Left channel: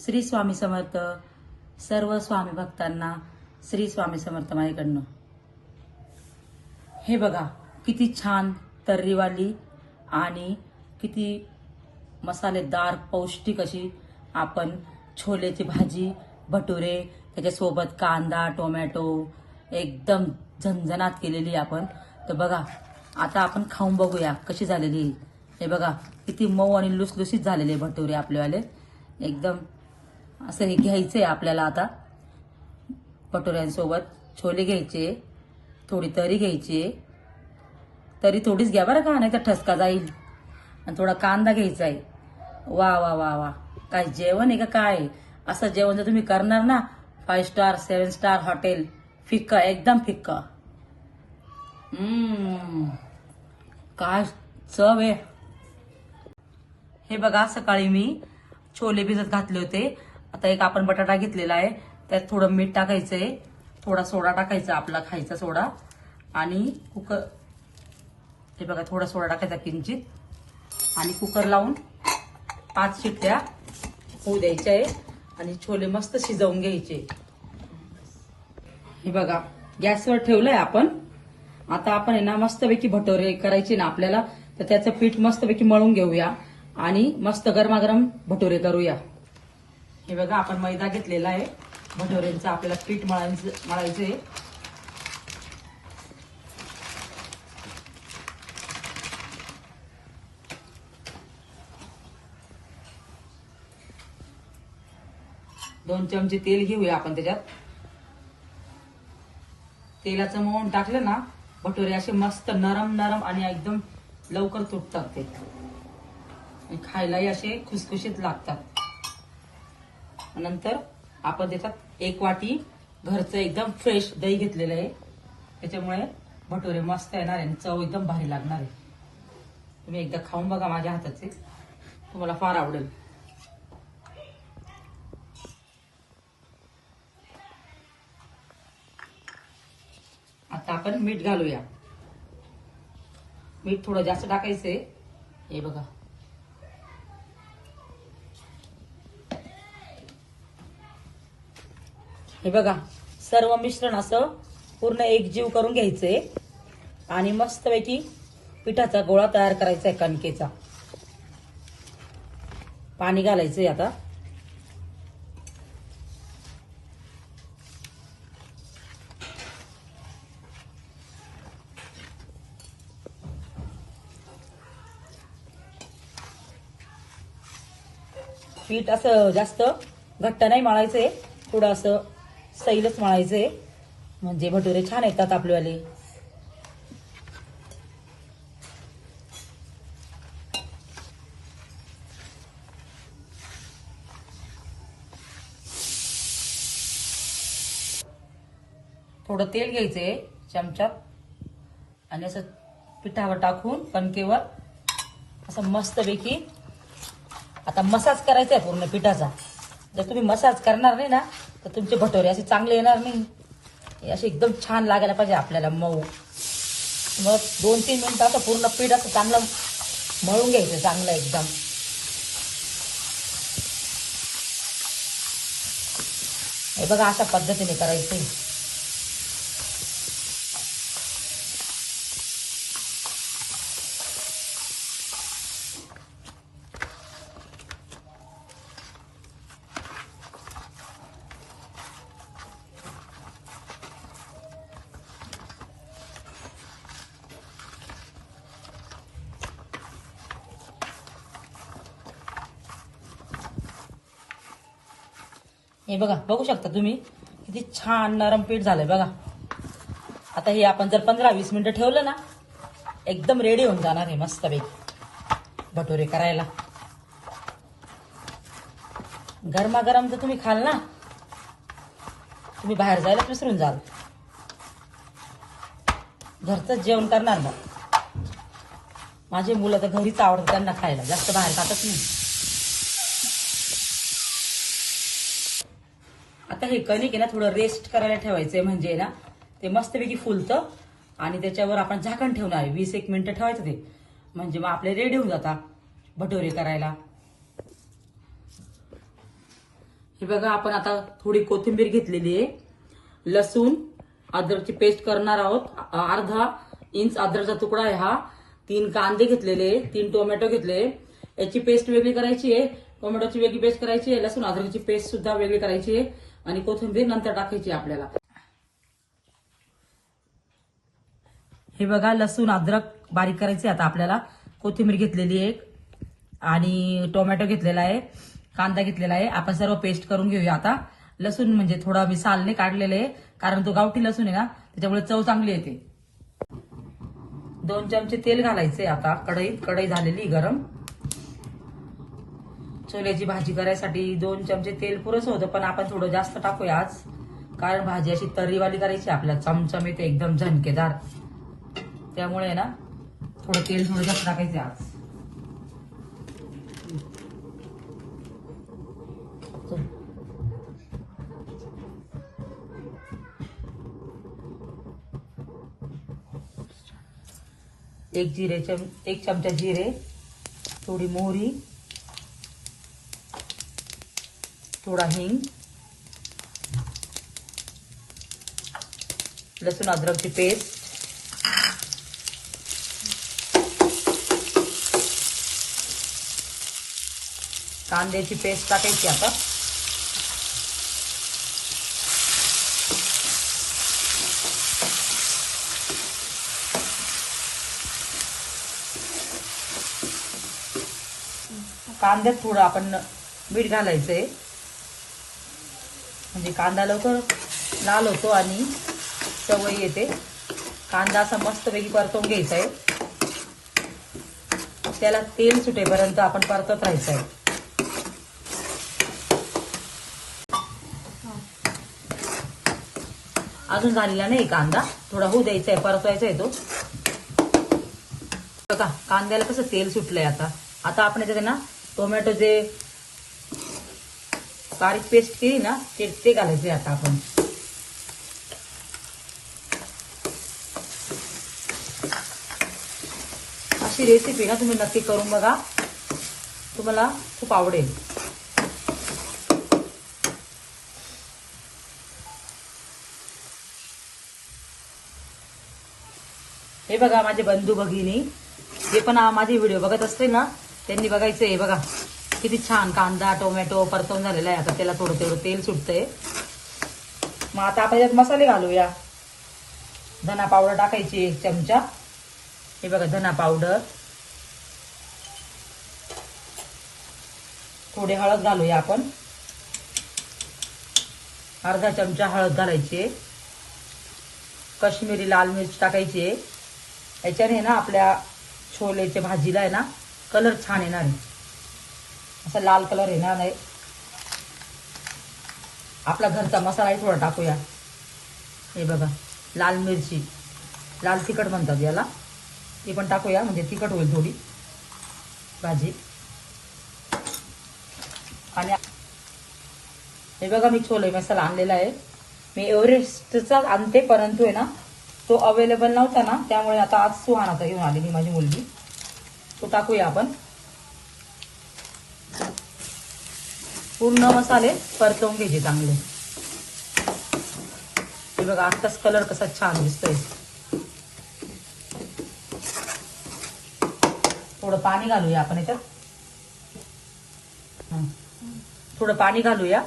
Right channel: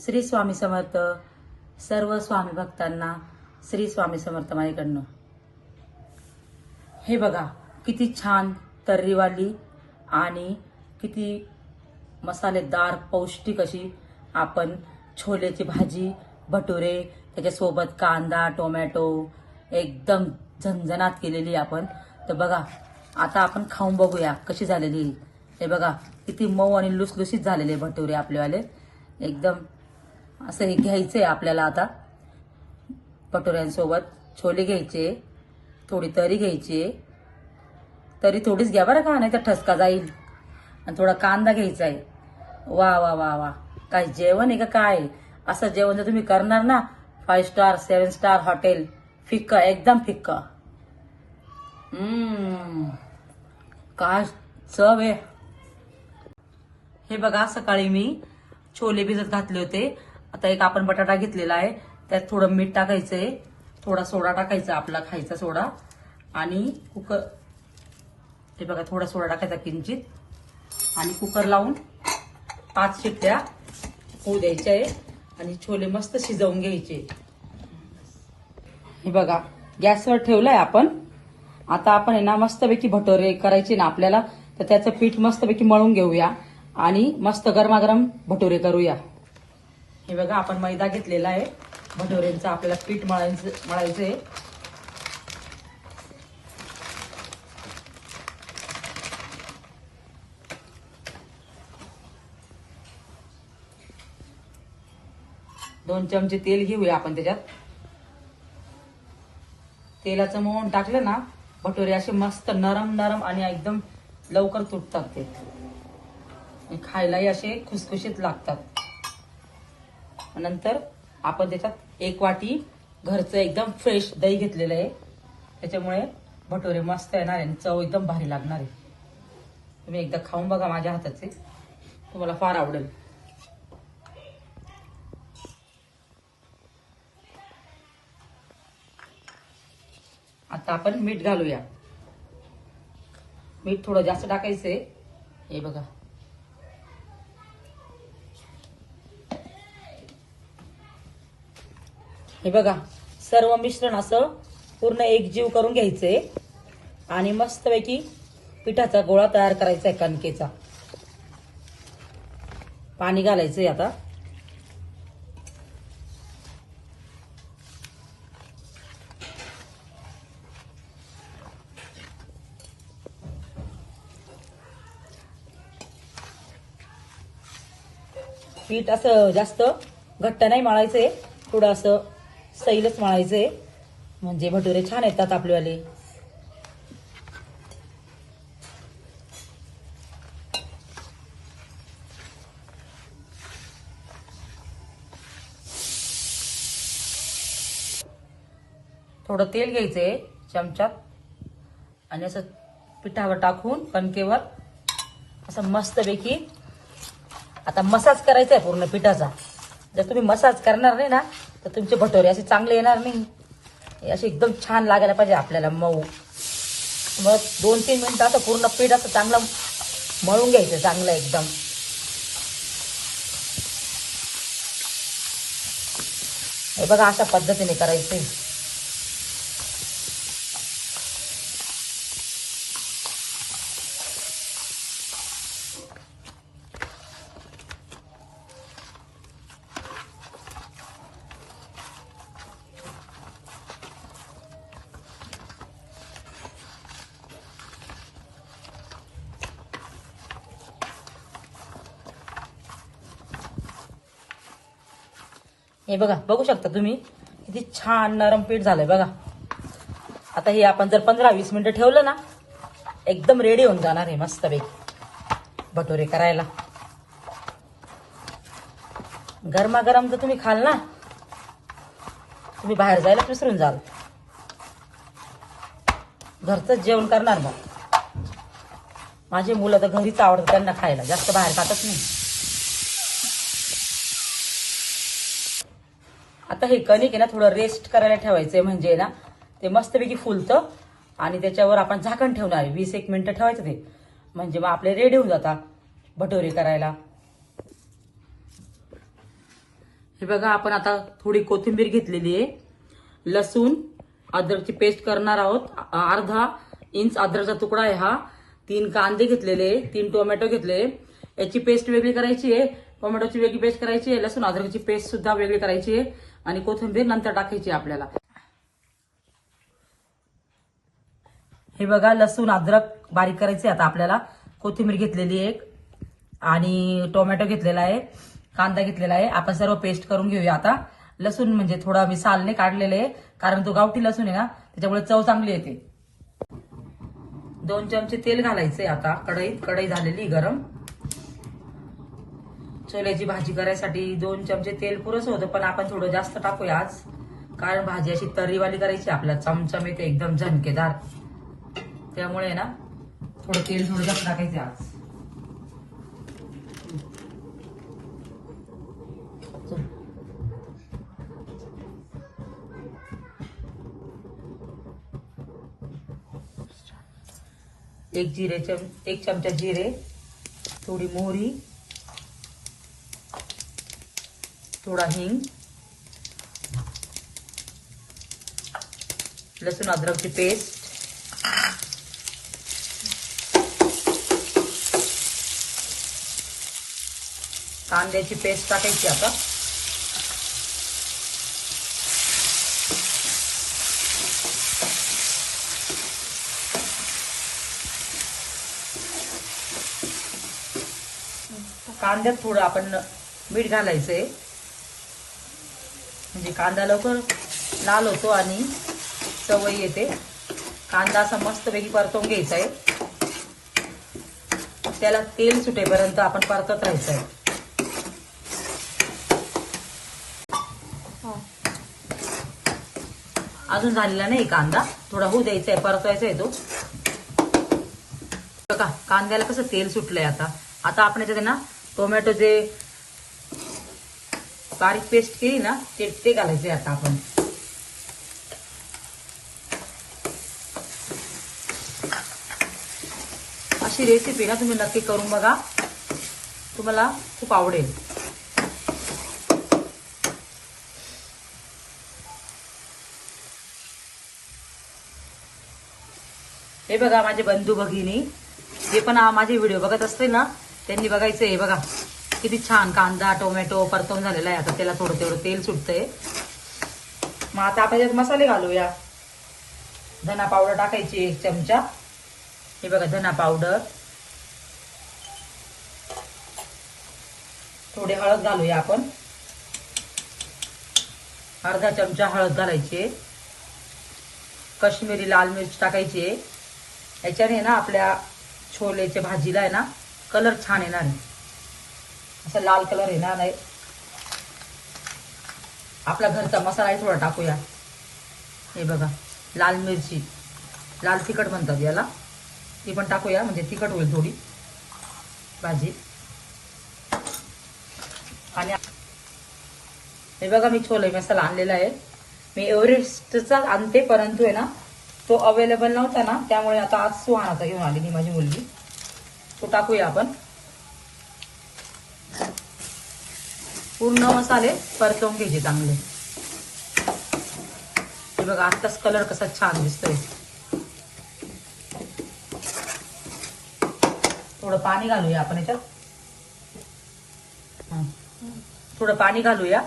श्री स्वामी समर्थ. सर्व स्वामी भक्तांना श्री स्वामी समर्थ माझ्याकडनं. हे बघा किती छान तर्रीवाली आणि किती मसालेदार पौष्टिक अशी आपण छोलेची भाजी, भटुरे, त्याच्यासोबत कांदा, टोमॅटो एकदम झणझणाट केलेली आपण. तर बघा आता आपण खाऊन बघूया कशी झालेली. हे बघा किती मऊ आणि लुसलुसीत झालेले भटुरे आपलेवाले. एकदम असं हे घ्यायचंय आपल्याला. आता भटुऱ्यांसोबत छोले घ्यायचे, थोडी तरी घ्यायची. तरी थोडीच घ्या बरं का, नाही तर ठसका जाईल. आणि थोडा कांदा घ्यायचा आहे. वा वा वा वा, काय जेवण आहे का काय. असं जेवण जर तुम्ही करणार ना 5 स्टार 7 स्टार हॉटेल, फिक्क एकदम फिक्क. काय चव आहे. हे बघा सकाळी मी छोले भिजत घातले होते. आता एक आपण बटाटा घेतलेला आहे, त्यात थोडं मीठ टाकायचंय, थोडा सोडा टाकायचा आपला खायचा सोडा, आणि कुकर, हे बघा थोडा सोडा टाकायचा किंचित, आणि कुकर लावून 5 शिट्ट्या होऊ द्यायच्या आहे. आणि छोले मस्त शिजवून घ्यायचे. हे बघा गॅसवर ठेवलंय आपण. आता आपण आहे ना मस्तपैकी भटोरे करायचे ना आपल्याला, तर त्याचं पीठ मस्तपैकी मळून घेऊया आणि मस्त गरमागरम भटोरे करूया. हे बघा आपण मैदा घेतलेला आहे, भटोऱ्यांचं आपल्याला पीठ मळायचंय. दोन चमचे तेल घेऊया आपण त्याच्यात. तेलाचं मोहन टाकलं ना, भटोरे असे मस्त नरम नरम आणि एकदम लवकर तुटतात ते, आणि खायलाही असे खुसखुशीत लागतात. नंतर आपण त्याच्यात 1 वाटी घरचं एकदम फ्रेश दही घेतलेलं आहे, त्याच्यामुळे भटोरे मस्त येणार आणि चव एकदम भारी लागणार आहे. तुम्ही एकदा खाऊन बघा माझ्या हाताचे, तुम्हाला फार आवडेल. आता आपण मीठ घालूया. मीठ थोडं जास्त टाकायचंय. हे बघा हे बघा सर्व मिश्रण असं पूर्ण एकजीव करून घ्यायचंय आणि मस्तपैकी पिठाचा गोळा तयार करायचा आहे कणकेचा. पाणी घालायचंय आता. पीठ असं जास्त घट्ट नाही मळायचंय, थोडं असं सैलच मळायचंय, म्हणजे भटुरे छान येतात आपलेवाले. थोडं तेल घ्यायचंय चमच्यात आणि असं पिठावर टाकून कणकेवर असं मस्तपैकी आता मसाज करायचा आहे पूर्ण पिठाचा. जर तुम्ही मसाज करणार नाही ना तर तुमचे भटोरे असे चांगले येणार नाही. असे एकदम छान लागायला पाहिजे आपल्याला मऊ. मग 2-3 मिनिटं असं पूर्ण पीठ असं चांगलं मळून घ्यायचं चांगलं एकदम. हे बघा अशा पद्धतीने करायचं. हे बघा बघू शकता तुम्ही किती छान नरम पीठ झालंय बघा. आता हे आपण जर 15-20 मिनिटं ठेवलं ना, एकदम रेडी होऊन जाणार आहे मस्तपैकी भटोरे करायला. गरमागरम जर तुम्ही खाल ना, तुम्ही बाहेर जायला विसरून जाल. घरचंच जेवण करणार. मग माझे मुलं तर घरीच आवडतात त्यांना खायला, जास्त बाहेर खातच नाही. आता हे कणिक आहे ना थोडं रेस्ट करायला ठेवायचंय, म्हणजे ना ते मस्तपैकी फुलतं. आणि त्याच्यावर आपण झाकण ठेवणार आहे 20-1 मिनिटं ठेवायचं ते, म्हणजे मग आपले रेडी होऊन जातात भटोरे करायला. हे बघा आपण आता थोडी कोथिंबीर घेतलेली आहे, लसूण अद्रकची पेस्ट करणार आहोत, अर्धा इंच अद्रकचा तुकडा आहे हा, 3 कांदे घेतलेले, 3 टोमॅटो घेतले, याची पेस्ट वेगळी करायची आहे, टोमॅटोची वेगळी पेस्ट करायची आहे, लसूण अद्रकची पेस्ट सुद्धा वेगळी करायची आहे आणि कोथिंबीर नंतर टाकायची आपल्याला. हे बघा लसूण अद्रक बारीक करायचे आता आपल्याला, कोथिंबीर घेतलेली आहे आणि टोमॅटो घेतलेला आहे, कांदा घेतलेला आहे, आपण सर्व पेस्ट करून घेऊया आता. लसूण म्हणजे थोडा मी सालने काढलेले कारण तो गावठी लसूण आहे ना, त्याच्यामुळे चव चांगली येते. 2 चमचे तेल घालायचे आता कढईत, कढई झालेली गरम. छोल्याची भाजी करायसाठी 2 चमचे तेल पुरेस होतं, पण आपण थोडं जास्त टाकूया आज, कारण भाजी अशी तर्रीवाली करायची आपल्याला, चमचमीत एकदम झणकेदार, त्यामुळे ना थोडं तेल थोडं जास्त टाकायचं आज. एक चमचा जिरे, थोडी मोहरी, थोडा हिंग, लसूण अद्रकची पेस्ट, कांद्याची पेस्ट टाकायची आता. कांद्यात थोडं आपण मीठ घालायचंय, म्हणजे कांदा लवकर लाल होतो आणि चवही येते. कांदा असा मस्तपैकी परतवून घ्यायचा आहे, त्याला तेल सुटेपर्यंत आपण परतत राहायचं आहे. अजून झालेला नाही कांदा, थोडा होऊ द्यायचा आहे, परतवायचा आहे तो. बघा कांद्याला कसं तेल सुटलंय आता. आता आपण याच्यात ना टोमॅटो जे बारीक पेस्ट केली ना ते घालायचे आता आपण. अशी रेसिपी ना तुम्ही नक्की करून बघा, तुम्हाला खूप आवडेल. हे बघा माझे बंधू भगिनी, जे पण माझे व्हिडिओ बघत असते ना त्यांनी बघायचं. हे बघा किती छान कांदा टोमॅटो परतून झालेला आहे. आता त्याला थोडं थोडं तेल सुटतंय. मग आता आपण यात मसाले घालूया. धना पावडर टाकायची 1 चमचा. हे बघा धना पावडर, थोडी हळद घालूया आपण, अर्धा चमचा हळद घालायची. काश्मीरी लाल मिर्च टाकायची. याच्याने ना आपल्या छोलेच्या भाजीला आहे ना कलर छान येणार आहे, असा लाल कलर येणार नाही. आपला घरचा मसाला थोडा टाकूया. हे बघा लाल मिरची, लाल तिखट म्हणतात याला, ती पण टाकूया म्हणजे तिखट होईल थोडी भाजी. आणि हे बघा मी छोले मसाला आणलेला आहे. मी एव्हरेस्टचा आणते, परंतु आहे ना तो अवेलेबल नव्हता ना, त्यामुळे आता आज सुहानाचा घेऊन आली मी, माझी मुलगी. तो टाकूया आपण. पूर्ण मसाले परतवून घ्यायचे चांगले. बघा आताच कलर कसा छान दिसतोय. थोडं पाणी घालूया आपण याच्यात, थोडं पाणी घालूया.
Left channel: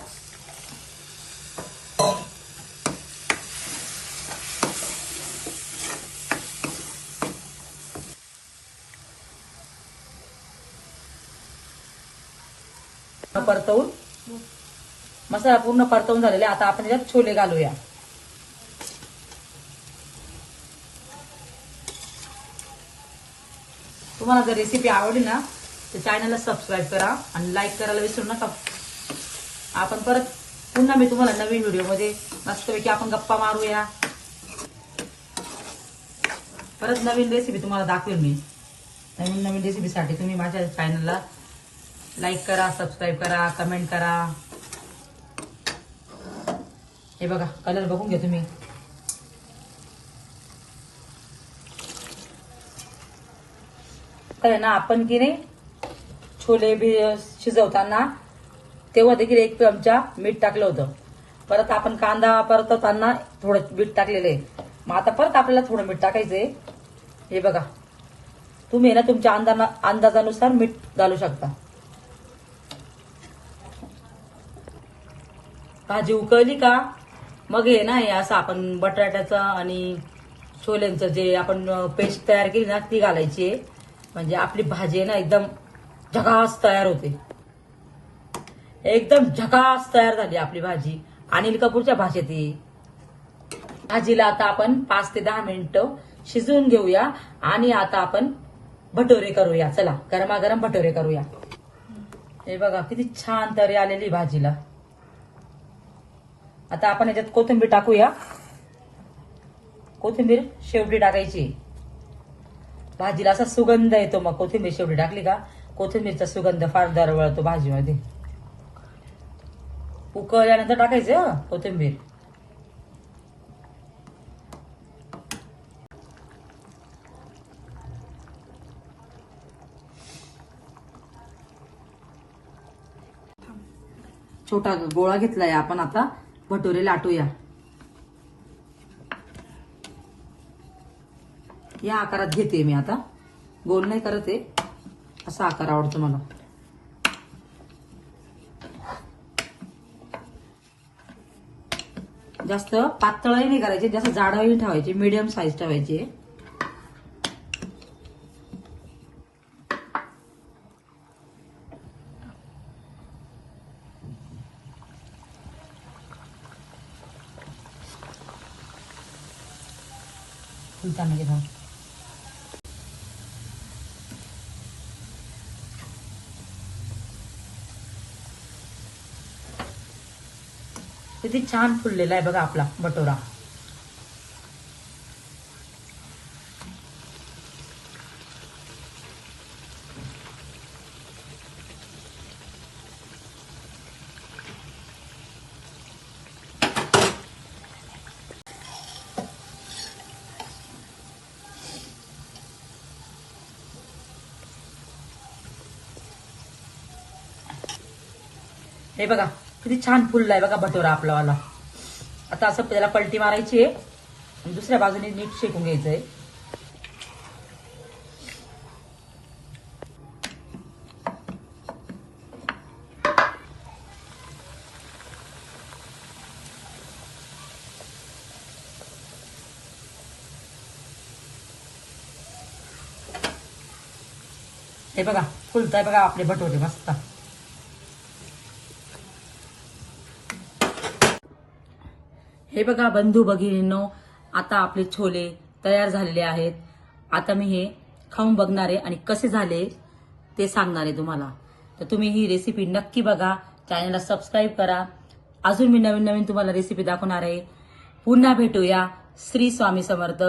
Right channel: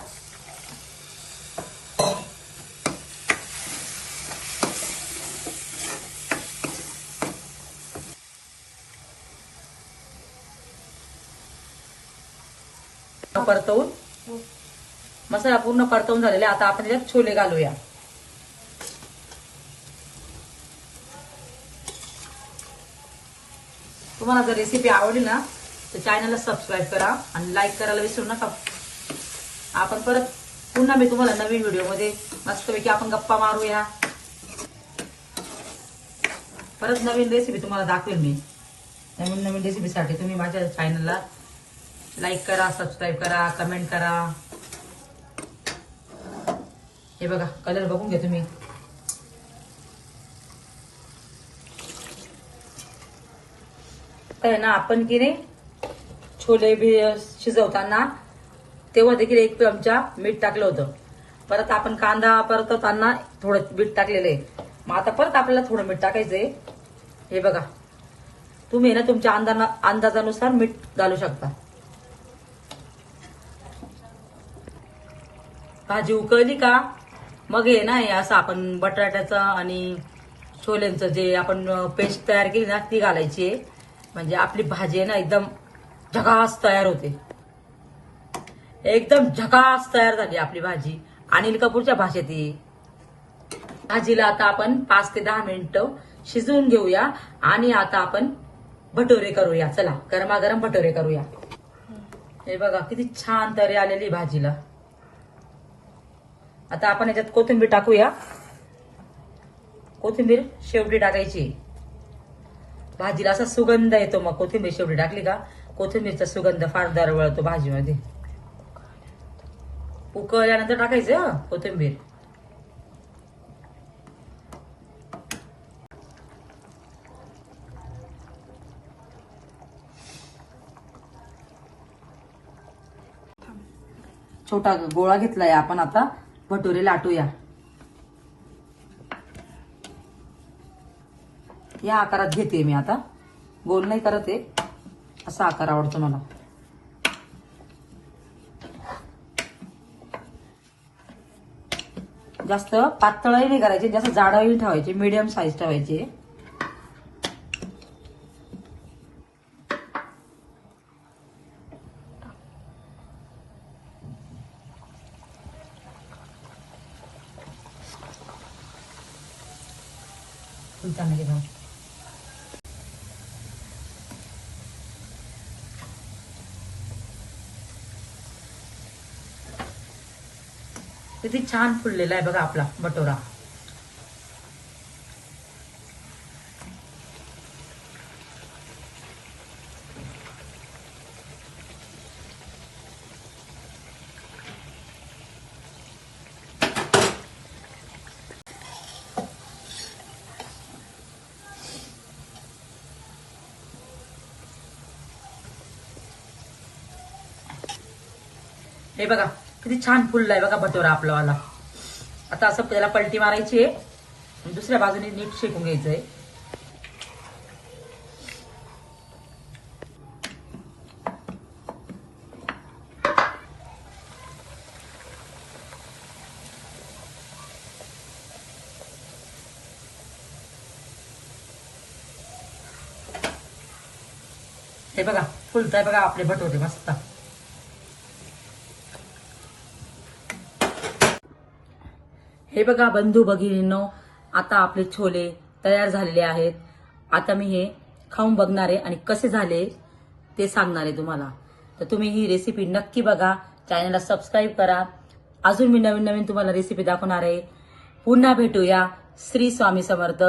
परतवून मसाला पूर्ण परतवून झालेला. आता आपण याच्यात छोले घालूया. तुम्हाला जर रेसिपी आवडली ना तर चॅनलला सबस्क्राईब करा आणि लाईक करायला विसरू नका. आपण परत पुन्हा मी तुम्हाला नवीन व्हिडिओमध्ये मस्तपैकी आपण गप्पा मारूया. परत नवीन रेसिपी तुम्हाला दाखवेल मी. नवीन रेसिपीसाठी तुम्ही माझ्या चॅनलला लाईक करा, सबस्क्राईब करा, कमेंट करा. हे बघा कलर बघून घ्या तुम्ही. तर ना आपण की नाही छोले भी शिजवताना तेव्हा देखील 1 चमचा मीठ टाकलं होतं. परत आपण कांदा परतताना थोडं मीठ टाकलेलं आहे. मग आता परत आपल्याला थोडं मीठ टाकायचंय. हे बघा, तुम्ही ना तुमच्या अंदाजानुसार मीठ घालू शकता. भाजी उकळली का मग हे ना, हे असं आपण बटाट्याचं आणि छोल्यांचं जे आपण पेस्ट तयार केली ना ती घालायची आहे. म्हणजे आपली भाजी आहे ना एकदम झकास तयार होते. एकदम झकास तयार झाली आपली भाजी. अनिल कपूरच्या भाषेत ही भाजीला आता आपण 5 ते 10 मिनिटं शिजवून घेऊया. आणि आता आपण भटोरे करूया. चला, गरमागरम भटोरे करूया. हे बघा किती छान तरी आलेली भाजीला. आता आपण याच्यात कोथिंबीर टाकूया. कोथिंबीर शेवटी टाकायची. भाजीला असा सुगंध येतो. मग कोथिंबीर शेवटी टाकली का कोथिंबीरचा सुगंध फार दरवळतो भाजीमध्ये. उकळल्यानंतर टाकायचं कोथिंबीर. छोटा गोळा घेतलाय आपण. आता भटोरे लाटूया. या आकारात घेते मी आता. गोल नाही करत आहे, असा आकार आवडतो मला. जास्त पातळही नाही करायचे, जास्त जाडही ठेवायचे, मीडियम साईज ठेवायचे. किती छान फुललेला आहे बघा आपला भटोरा. हे बघा किती छान फुललाय बघा भटोरा आपला वाला. आता असं त्याला पलटी मारायची आहे. दुसऱ्या बाजूने नीट शेकून घ्यायचंय. हे बघा फुलताय बघा आपले भटोरे मस्त. हे बघा बंधू भगिनींनो, आता आपले छोले तयार झालेले आहेत. आता मी हे खाऊन बघणार आहे आणि कसे झाले ते सांगणार आहे तुम्हाला. तर तुम्ही ही रेसिपी नक्की बघा. चॅनलला सबस्क्राईब करा. अजून मी नवीन नवीन तुम्हाला रेसिपी दाखवणार आहे. पुन्हा भेटूया. श्री स्वामी समर्थ.